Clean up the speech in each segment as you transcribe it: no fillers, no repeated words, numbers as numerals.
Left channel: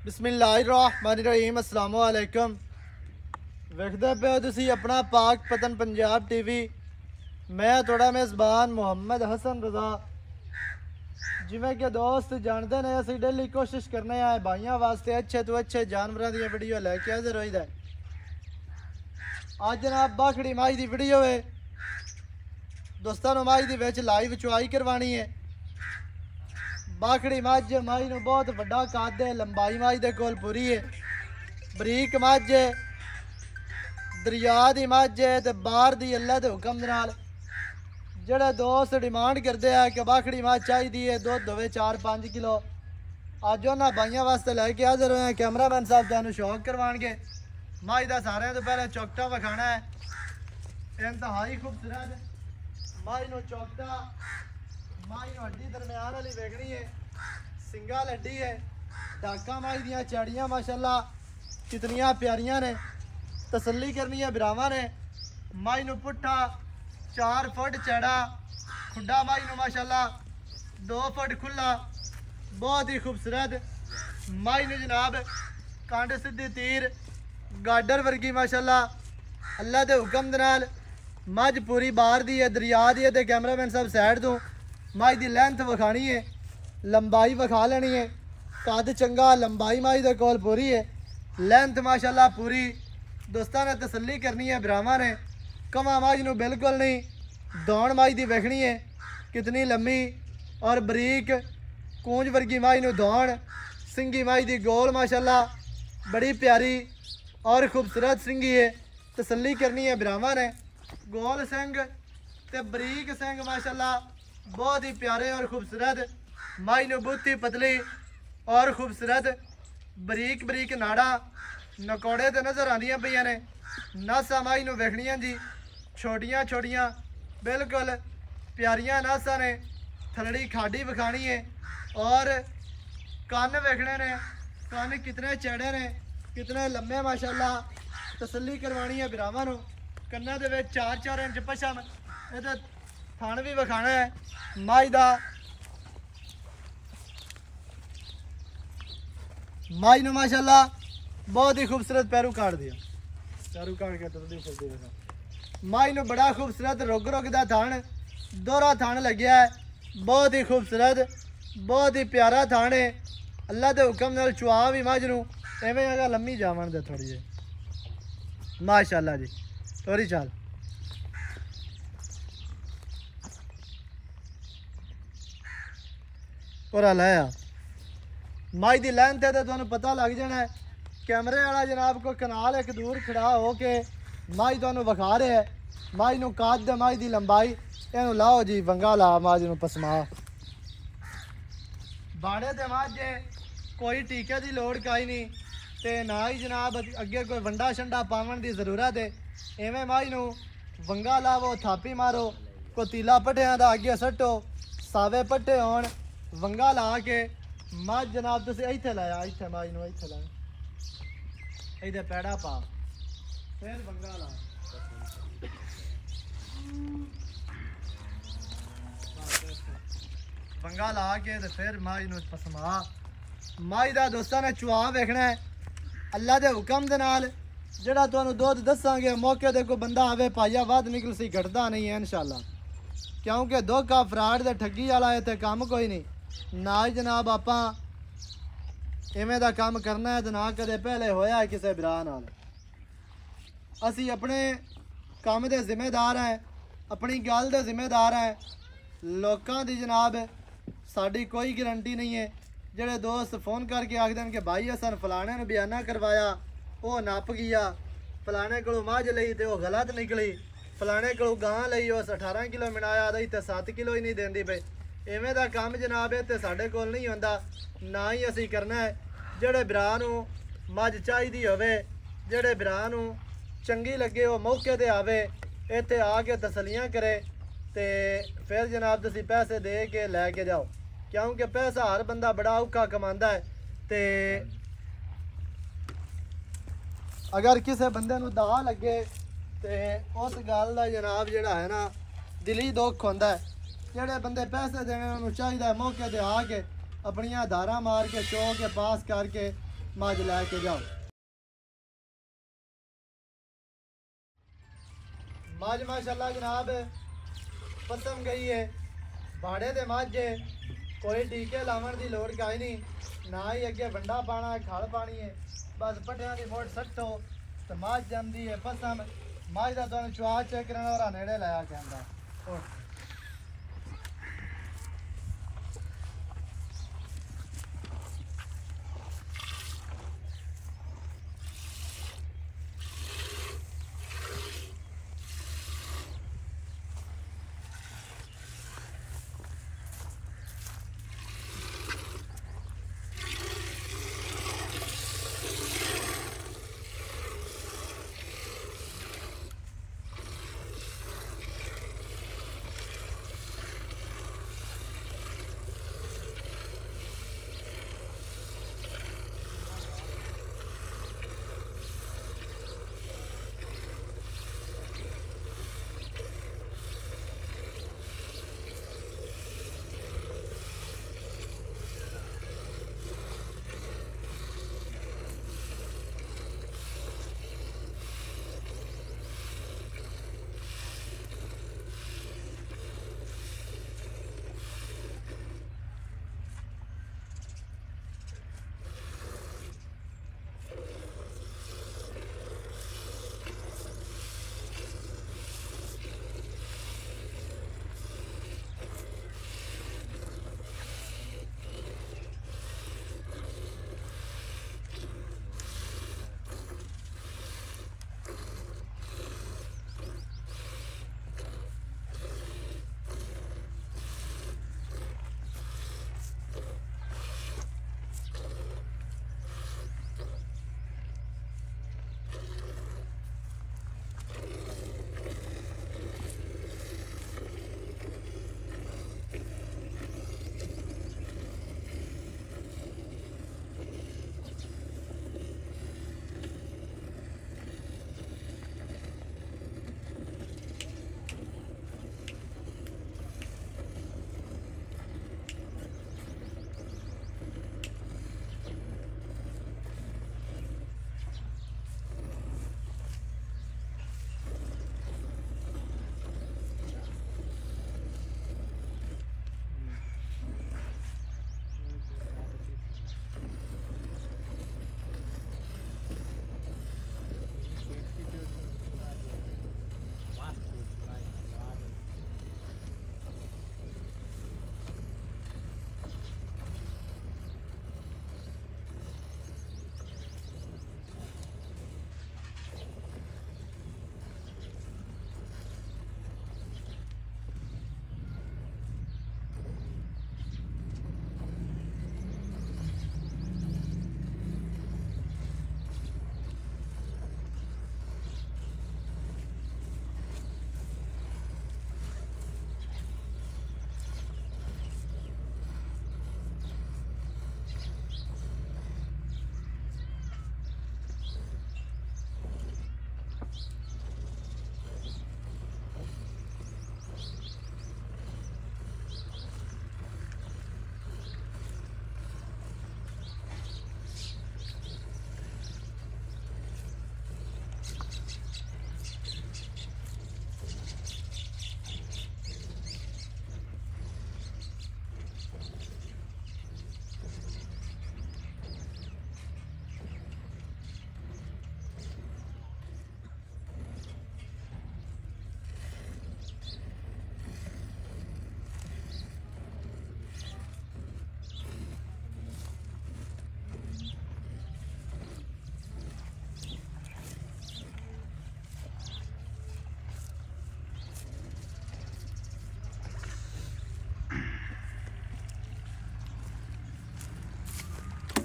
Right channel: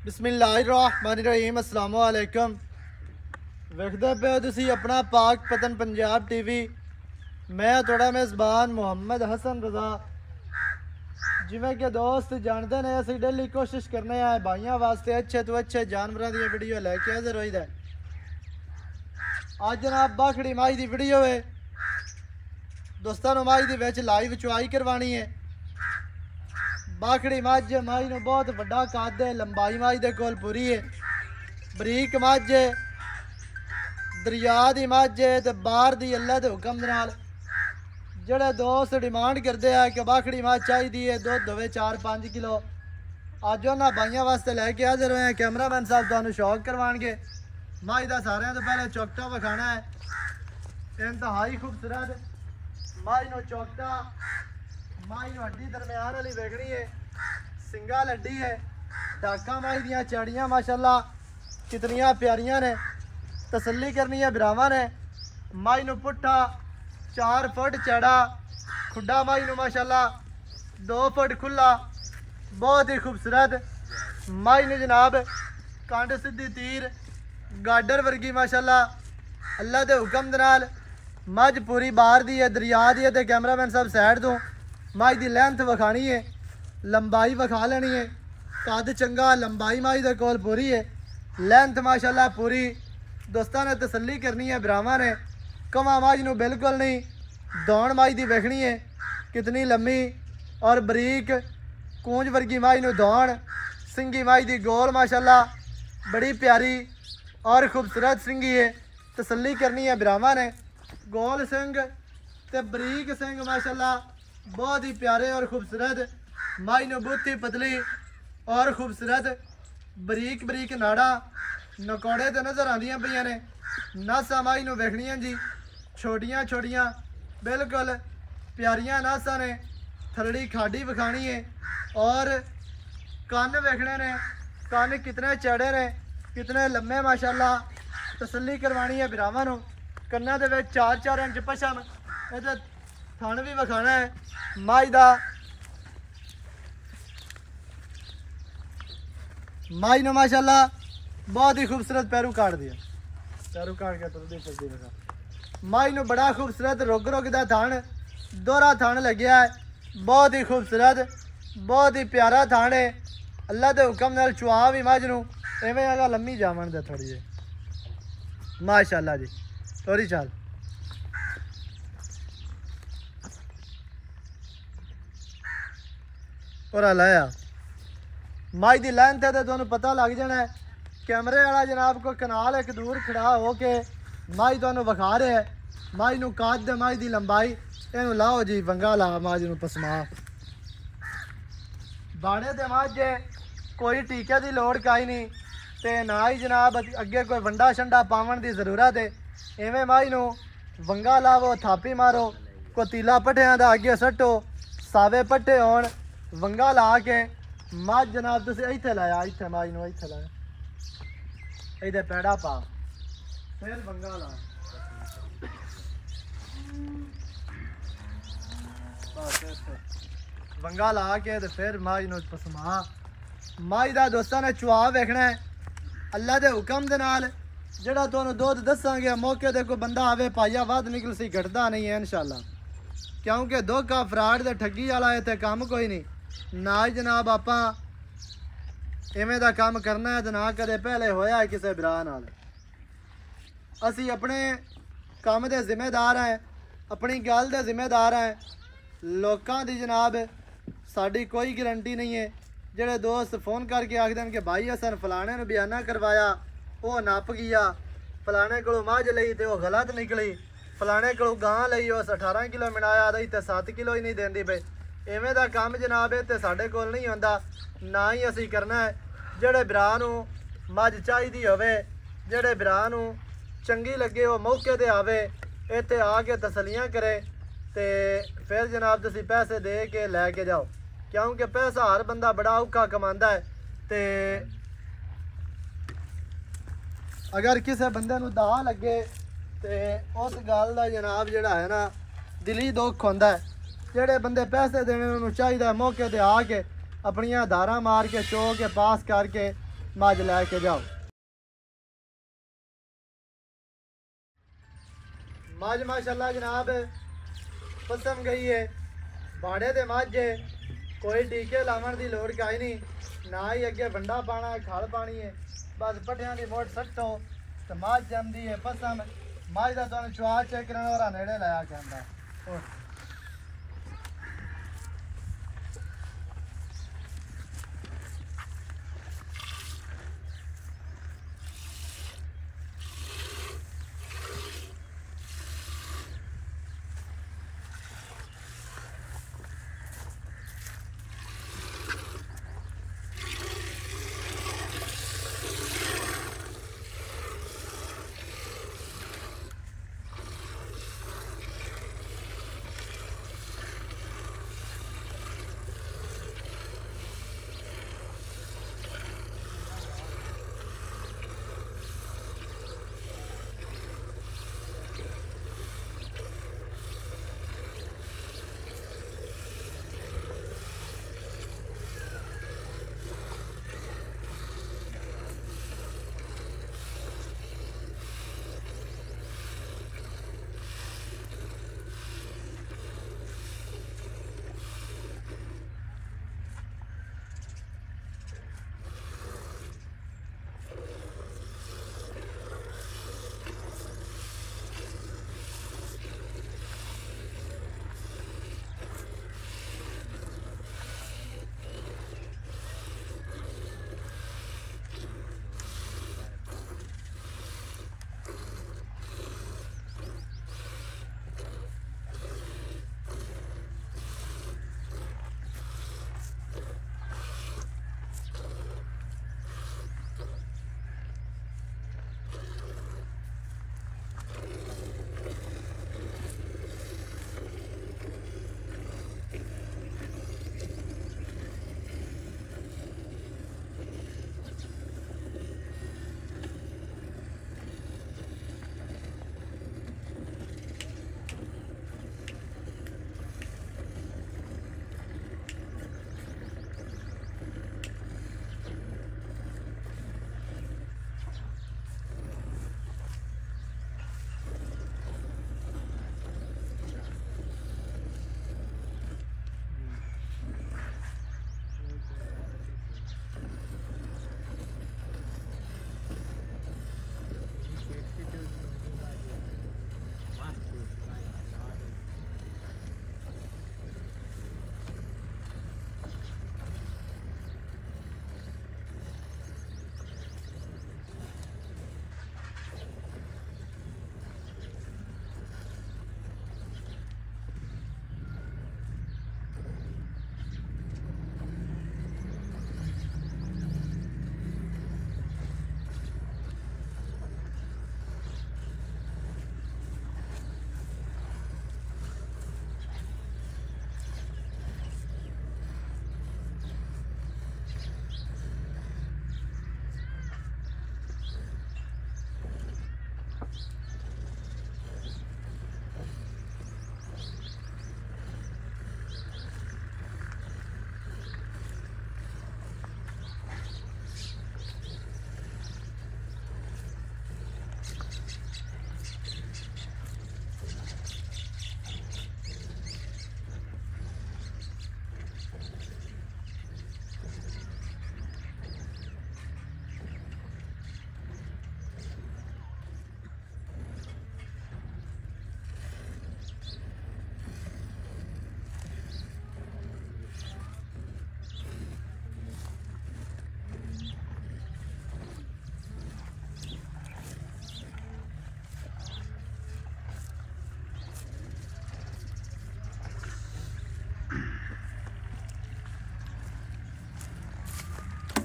बिस्मिल्लाहिर्रहमानिर्रहीम अस्सलाम वालेकुम। वेखदे पे हो तुसी अपना पाक पतन पंजाब टीवी। मैं थोड़ा मेज़बान मुहम्मद हसन रज़ा। जिमें कि दोस्त जानते ने असी डेली कोशिश करने आए भाइयों वास्ते अच्छे तो अच्छे जानवरों की वीडियो लैके हाजिर होईदा। अज जनाब बाखड़ी माई की वीडियो है दोस्तों। माई दी विच लाइव चुआई करवानी है। बाखड़ी मझ माई नूं बहुत वड्डा कद है, लंबाई माई दे कोल पूरी है। बरीक मझ है, दरिया की मझ है तो बाहर की अल्लाह के हुक्म दे नाल जेड़े दोस्त डिमांड करते हैं कि बाखड़ी मझ चाहिए है, दुध होवे 4-5 किलो। अज उन्होंने भाइयों वास्ते लैके हाजिर होए। कैमरामैन साहब तुहानूं शौक करवाएंगे। माई का सारिਆਂ तो पहले चौकटा विखाना है। इंतहाई खूबसूरत माई नूं चौकटा माई वड्डी दरम्यान वाली वेखनी है। सिंगा लड्डी है, डाका माई दियां चाड़ियां माशाल्लाह कितनियां प्यारियां ने। तसल्ली करनी है बिरावां ने। माई नूं पुट्ठा 4 फुट चौड़ा, खुड्डा माई नूं माशाल्लाह 2 फुट खुला, बहुत ही खूबसूरत माई नूं जनाब। कंड सीधी तीर गाडर वर्गी माशाल्लाह अल्लाह के हुक्म दे नाल मझ पूरी बाहर दी है, दरिया दी है। तो कैमरामैन साहब साइड तो माई की लेंथ विखानी है, लंबाई विखा लेनी है। कद चंगा, लंबाई माई दे कोल पूरी है, लेंथ माशाल्लाह पूरी। दोस्तों ने तसल्ली करनी है बिरावां ने। कवा माई नूं बिल्कुल नहीं, दौड़ माई दी वेखनी है कितनी लम्मी और बरीक कूंज वर्गी माई नूं दौड़। सिंगी माई दी गोल माशाल्लाह बड़ी प्यारी और खूबसूरत सिंगी है। तसल्ली करनी है बिरावां ने। गोल सिंग ते बरीक सिंग माशाल्लाह बहुत ही प्यारे और खूबसूरत। माई नूं बुत्ती पतली और खूबसूरत, बरीक बरीक नाड़ा नकोड़े तो नज़र आदियां पईयां ने। नासा माई नूं वेखणियां जी छोटियां छोटियां बिल्कुल प्यारियां नासा ने। थलड़ी खाडी विखानी है और कन वेखने ने, कन कितने चौड़े ने, कितने लम्बे माशाल्लाह। तसल्ली करवानी है बिरावां नूं। कन्ना दे विच 4-4 इंच पछम, इहदा थण भी विखाना है माई दा। माई नूं माशाल्लाह बहुत ही खूबसूरत पैरू काट दिया। पैरू काट के तुरदी फिरदी रहा। माई नूं बड़ा खूबसूरत रुग रुग दा थण, दोहरा थण लग्या है, बहुत ही खूबसूरत, बहुत ही प्यारा थण है। अल्लाह के हुक्म नाल चुआ भी मझ नूं इवें आगा लम्मी जावन दा थोड़ी जी माशाल्लाह जी। तोरी चाल पूरा लाया माई दी लेंथ है तो तुहानूं पता लग जाना है। कैमरे वाला जनाब को कनाल एक दूर खड़ा हो के माई तुहानूं विखा रहा है। माई नूं कद, माई दी लंबाई। इहनूं लाओ जी वंगा ला माई नूं पसमा। बाड़े दे मझ कोई टीके की लोड़ काई नहीं ते ना ही जनाब अगे कोई वंडा शंडा पावन की जरूरत है। इवें माई नूं वंगा लावो, थापी मारो, कोई तीला पट्ठियां दा अगे सट्टो, सावे पट्ठे होण, वंगा ला के मझ जनाब तुसीं इत्थे लाया, इत्थे माई नूं इत्थे लाया, इहदे पैड़ा पा, फिर वंगा ला। वंगा ला के ते फिर माई नूं पसमा। माई दा दोस्तां ने चुआ वेखना है अल्लाह के हुक्म दे नाल। जेड़ा तुहानूं दुध दसांगे मौके ते कोई बंदा आवे पाइया वध निकल सी, घटदा नहीं है इंशाल्लाह। क्योंकि धोखा फ्राड ते ठगी वाला इत्थे काम कोई नहीं। ना ही जनाब आपां इवें दा काम करना है ते ना कदे पहले होया है किसी भरा नाल। असी अपने काम दे जिम्मेदार हैं, अपनी गल दे जिम्मेदार हैं। लोकां दी जनाब साडी कोई गारंटी नहीं है। जेड़े दोस्त फोन करके आख देन कि भाई असन फलाने नूं बयाना करवाया, वो नप गया, फलाने कोलों मझ लई ते वो गलत निकली, फलाने कोलों गां लई उस 18 किलो मिलाया आदि ते 7 किलो ही नहीं देंदी पे। इवें दा काम जनाब है ते साडे कोल नहीं होंदा, ना ही असी करना है। जेड़े भरा नूं मझ चाहिदी होवे, जेड़े भरा नूं चंगी लगे वो मौके ते आवे, इत्थे आके तसलियां करे ते फिर जनाब तुसीं पैसे दे के लैके जाओ। क्योंकि पैसा हर बंदा बड़ा औखा कमांदा है ते अगर किसी बंदे नूं दा लगे ते उस गल दा जनाब जिहड़ा है ना दिली दुख होंदा है। जेड़े बंदे पैसे देने उन्होंने चाहिए मौके ते आके अपनियां धारा मार के चो के पास करके मज लैके जाओ। मज माशाल्लाह जनाब पसम गई है, बाड़े दे मज है, कोई टीके लावन की लोड़ काई नहीं, ना ही अगे बंडा पाना खल पानी है, बस पट्टियां की मोट सट्टो तो मज जमदी है पसम। मज का तुम चुआ चेक करने वाला नेड़े लाया के आंदा।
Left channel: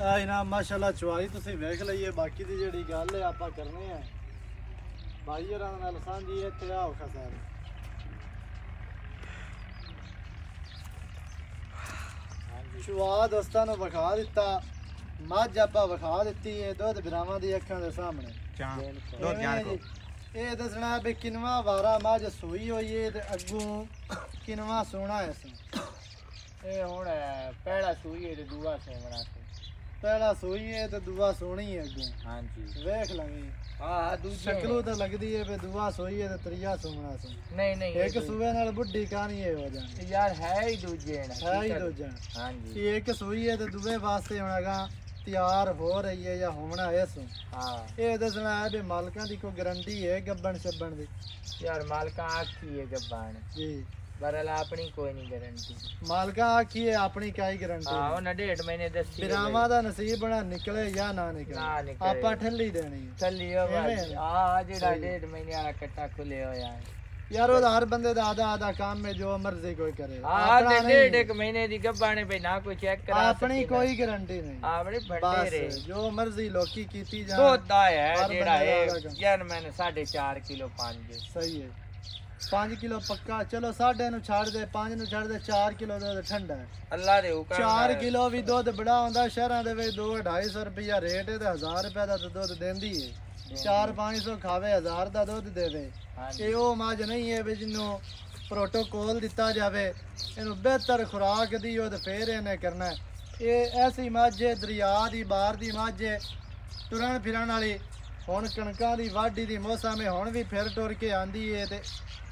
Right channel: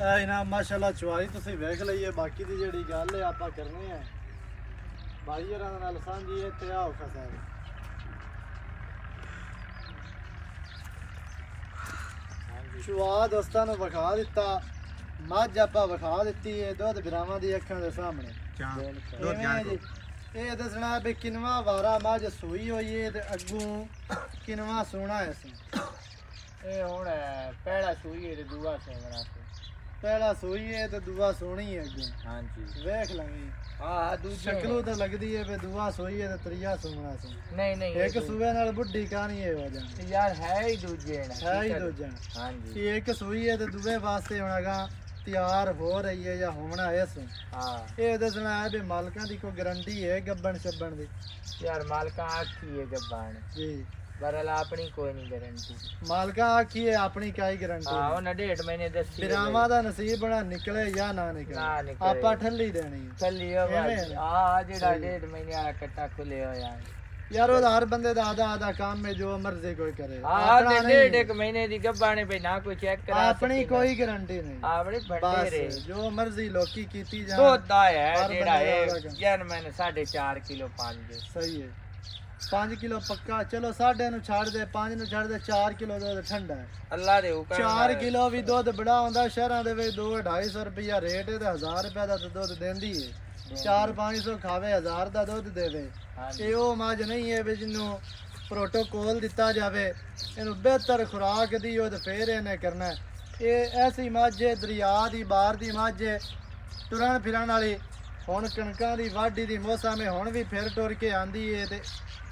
जनाब माशाल्लाह चुआई तुसीं वेख लईए, बाकी दी जेहड़ी गल है आपां करने हैं भाई होरां नाल सांझी। इत्थे आओ खसार चुआ दोस्तां नूं विखा दित्ता, मझ आपां विखा दित्ती है दुध बिरावां दी अखां दे सामने। ये दसना भी किनवा वारा मझ सूई होई है ते अग्गों किनवा सोना है। ये हुण पहला सूई है ते दूआ सोना से पहला सोई है तो दुआ सोनी है अगे। हाँ जी वेख लवी हाँ दूजे शक्लों तो लगदी है पे दुआ सोई है तो त्रिया सुमना सु नहीं नहीं एक सूबे नाल बुढ़ी कहानी है हो जानी यार है ही दूजे है ही दूजा। हाँ जी कि एक सोई है तो दुए वास्ते हुणागा तैयार हो रही है या होना है सु। हाँ ये दसना है भी मालकां दी कोई गारंटी है गब्बन शब्बन दी? यार मालका आखी है गब्बान जी बरल अपनी कोई नहीं गारंटी। मालका आखी है अपनी काई गारंटी? हाँ उन्हें 1.5 महीने दसी बिरामा दा नसीब बना निकले या ना निकले ना निकले आपा ठल्ली देनी है। चली हो भाई हाँ जेड़ा 1.5 महीने वाला कट्टा खुले हो यार यार वो हर बंदे दा आधा आधा काम में जो मर्जी कोई करे। हाँ 1.5 महीने दी गब्बाने पे ना कोई चेक करा अपनी कोई गारंटी नहीं। अपनी भट्टे रे जो मर्जी लोकी कीती जाए दोदा है जेड़ा है यार मैंने 4.5 किलो पानी सही है 5 किलो पक्का चलो 6.5 नु छाड़ दे 5 नु छाड़ दे 4 किलो दूध ठंडा है अल्लाह दे हुक्म 4 किलो भी दूध बड़ा होंदा शहरां दे विच 2-250 रुपया रेट है ते 1000 रुपया दा दूध देंदी है 4-500 खावे 1000 दा दूध देवे। ਇਹ ਉਹ ਮੱਝ ਨਹੀਂ ਹੈ ਵੀ ਜਿਹਨੂੰ ਪ੍ਰੋਟੋਕੋਲ ਦਿੱਤਾ ਜਾਵੇ ਇਹਨੂੰ ਬਿਹਤਰ ਖੁਰਾਕ ਦੀ ਉਹ ਤੇ ਫੇਰ ਇਹਨੇ ਕਰਨਾ। ਇਹ ਐਸੀ ਮੱਝ ਹੈ ਦਰਿਆ ਦੀ ਬਾਹਰ ਦੀ ਮੱਝ ਹੈ ਤੁਰਨ ਫਿਰਨ ਵਾਲੀ। ਹੁਣ ਕਣਕਾਂ ਦੀ ਵਾਢੀ ਦੀ ਮੌਸਮ ਹੈ ਹੁਣ ਵੀ ਫਿਰ ਟੁਰ ਕੇ ਆਂਦੀ ਹੈ ਤੇ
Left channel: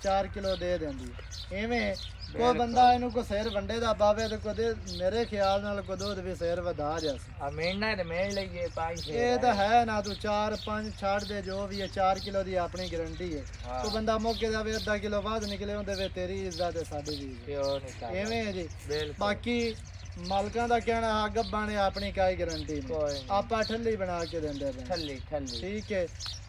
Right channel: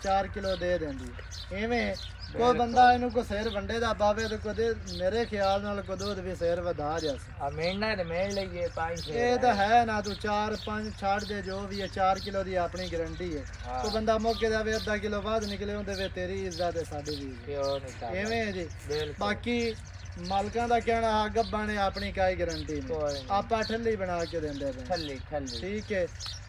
4 ਕਿਲੋ ਦੇ ਦਿੰਦੀ ਹੈ। ਐਵੇਂ ਕੋਈ ਬੰਦਾ ਇਹਨੂੰ ਕੋ ਸਿਰ ਵੰਡੇ ਦਾ ਬਾਵੇ ਤੇ ਕਦੇ ਮੇਰੇ ਖਿਆਲ ਨਾਲ ਕੋ ਦੁੱਧ ਵੀ ਸਿਰ ਵਧਾ ਜਾਸ ਆ ਮੇਣਾ ਤੇ ਮੇਣ ਲਈਏ ਪਾਈ ਇਹ ਤਾਂ ਹੈ ਨਾ ਤੂੰ 4-5 ਛੱਡ ਦੇ ਜੋ ਵੀ ਹੈ 4 ਕਿਲੋ ਦੀ ਆਪਣੀ ਗਾਰੰਟੀ ਹੈ। ਕੋਈ ਬੰਦਾ ਮੌਕੇ ਦਾ ਵੀ ਅੱਧਾ ਕਿਲੋ ਵੱਧ ਨਿਕਲੇ ਹੁੰਦੇ ਵੇ ਤੇਰੀ ਇੱਜ਼ਤ ਹੈ ਸਾਡੀ ਵੀ ਐਵੇਂ ਹੈ ਜੀ। ਬਾਕੀ ਮਾਲਕਾਂ ਦਾ ਕਹਿਣਾ ਆ ਗੱਬਾਂ ਨੇ ਆਪਣੀ ਕਾਈ ਗਾਰੰਟੀ ਨਹੀਂ ਆਪਾਂ ਠੱਲੀ ਬਣਾ ਕੇ ਦਿੰਦੇ ਪਏ ਠੱਲੀ ਠੱਲੀ ਠੀਕ ਹੈ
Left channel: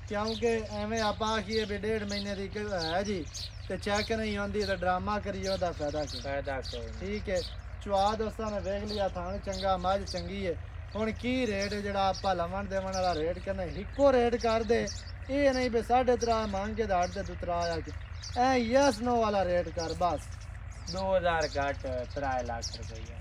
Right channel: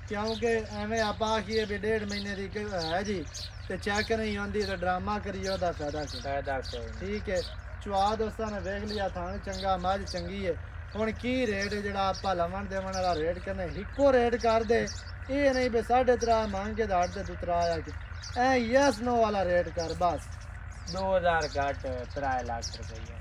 ਕਿਉਂਕਿ ਐਵੇਂ ਆਪਾਂ ਆਖੀਏ ਵੀ 1.5 ਮਹੀਨੇ ਦੀ ਹੈ ਜੀ ਤੇ ਚੈੱਕ ਨਹੀਂ ਆਉਂਦੀ ਤਾਂ ਡਰਾਮਾ ਕਰੀਏ ਉਹਦਾ ਫਾਇਦਾ ਕੋਈ ਠੀਕ ਹੈ। ਚੁਆ ਦੋਸਤਾਂ ਨੇ ਵੇਖ ਲਿਆ ਥਾਣ ਚੰਗਾ ਮੱਝ ਚੰਗੀ ਹੈ। ਹੁਣ ਕੀ ਰੇਟ ਜਿਹੜਾ ਆਪਾਂ ਲਵਣ ਦੇਵਣ ਵਾਲਾ ਰੇਟ ਕਰਨਾ ਇੱਕੋ ਰੇਟ ਕਰ ਦੇ ਇਹ ਨਹੀਂ ਵੀ 3.5 ਮੰਗ ਕੇ ਦਾੜ ਤੇ ਦੁਤਰਾ ਆ ਕੇ ਐ ਯਸ ਨੋ ਵਾਲਾ ਰੇਟ ਕਰ ਬਸ 2000 ਘੱਟ 3 ਲੱਖ ਰੁਪਏ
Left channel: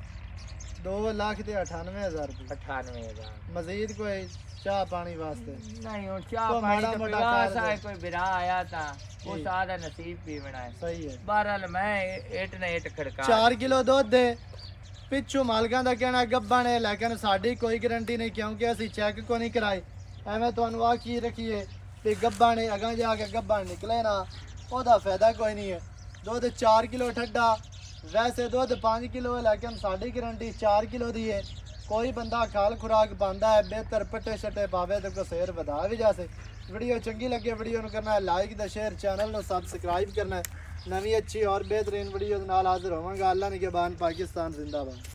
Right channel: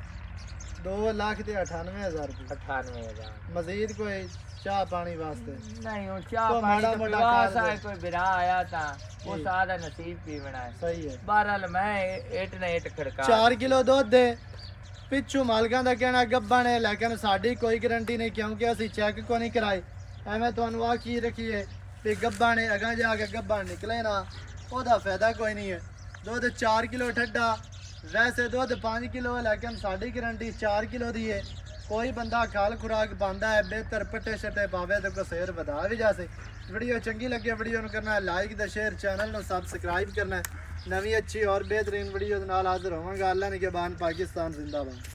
2,98,000 रुपये 98,000 मजीद कोई चाह पानी वास्ते नहीं हो चाह पानी तो पिवासा है कोई बिरा आया था वो सादा नसीब पीवना है सही है। बहरहाल मैं 8 ने 8 खड़का 4 किलो दूध दे पिछू मालकां दा कहना गब्बा ने लेकिन साडी कोई गारंटी नहीं क्योंकि असी चेक को नहीं कराई एवें तुहानू आखी रखिए भी गब्बा ने अगा जाके गब्बा निकले ना ओदा फायदा कोई नहीं है। दूध 4 किलो ठड्डा वैसे दूध 5 किलो है लेकिन साड़ी गारंटी 4 किलो दी है। कोई बंदा खाल खुराक पाता है बेहतर पट्टे शट्टे पावे तो कोई शेर बता भी जा सके। वीडियो चंगी लगे वीडियो करना है लाइक द शेयर चैनल को सब्सक्राइब करना है। नवी अच्छी और बेहतरीन वीडियो नाल हाजिर होवांगा। अल्लाह निगहबान पाकिस्तान जिंदाबाद।